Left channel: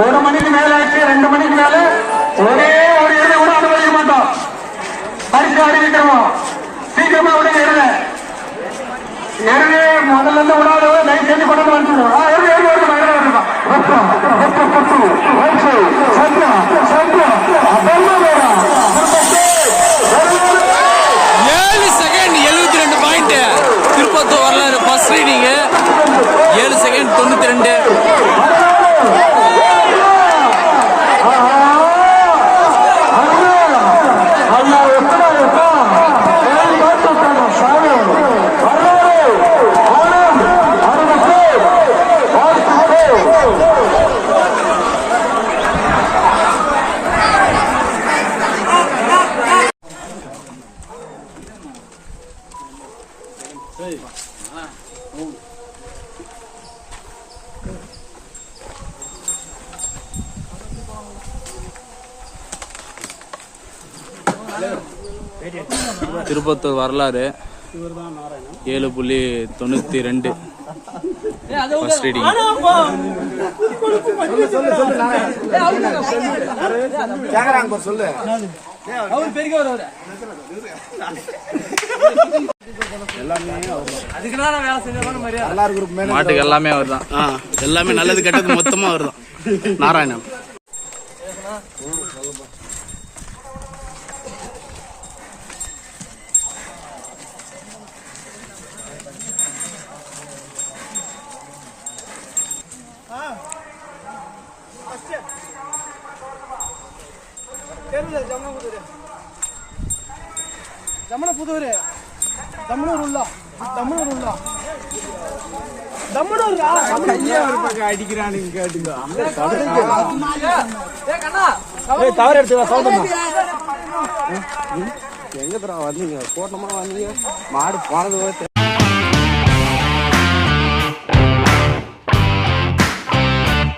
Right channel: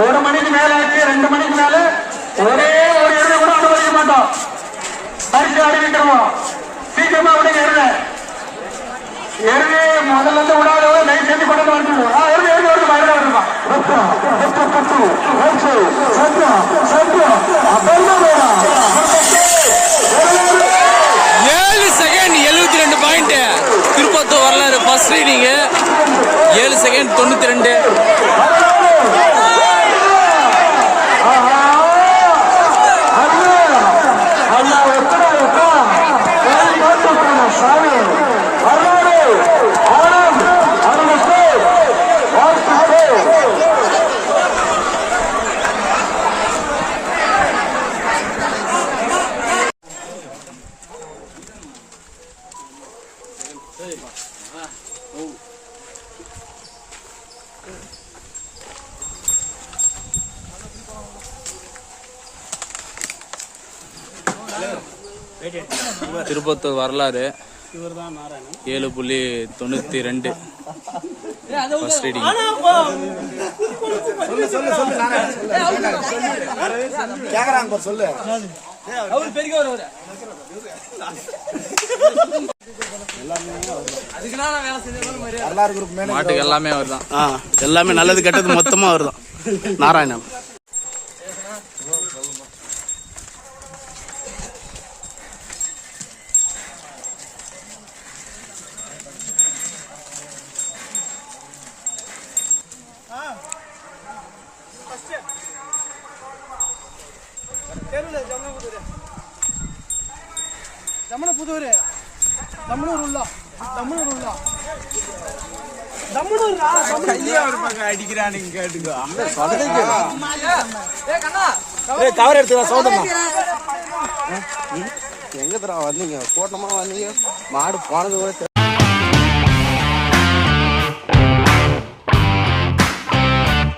ஒரு மணிக்கு மேல ஆச்சு ரெண்டு மணிக்கு மேல. ஒரே ஒரு இறுதி கூட அனுமதிக்க மாட்டோம். பரிசு அறிவிக்கிறோம் சீக்கிரமா விடுங்க இருங்க எருது முதல்ல இருந்து விடாதவங்க லைட் செஞ்சு கொண்டு வந்து ஆ, எருது எருது எருது பயங்கர வருதுப்பா வெப்பம் வெப்பம் புத்து அப்பெல்லாம் ஏழு செகண்ட் எழுபத்தி ரெண்டு பாயிண்ட் திருப்பத்தூர் வரலாறு ஃபர்ஸ்ட் ரீடிங் ஏழு செகண்ட் தொண்ணூத்தி ரெண்டு. திருப்பத்தூர் வரலாறு ஏழு புள்ளி தொண்ணூற்றி ரெண்டு. ஃபஸ்ட் ரீடிங் அவர் பெருக மாட்டுக்கு எல்லாமே அவர் தான் எல்லாமே நல்லது கெட்டது மொத்தமா அவர் தான் நாராயணன் Yeah. ஜமனபுதூர் தம்னூர் உள்ளா தம்னூர் உள்ளா எங்க தரா வந்தீங்க? கோட்டமா வந்தீங்க? மாடு போனது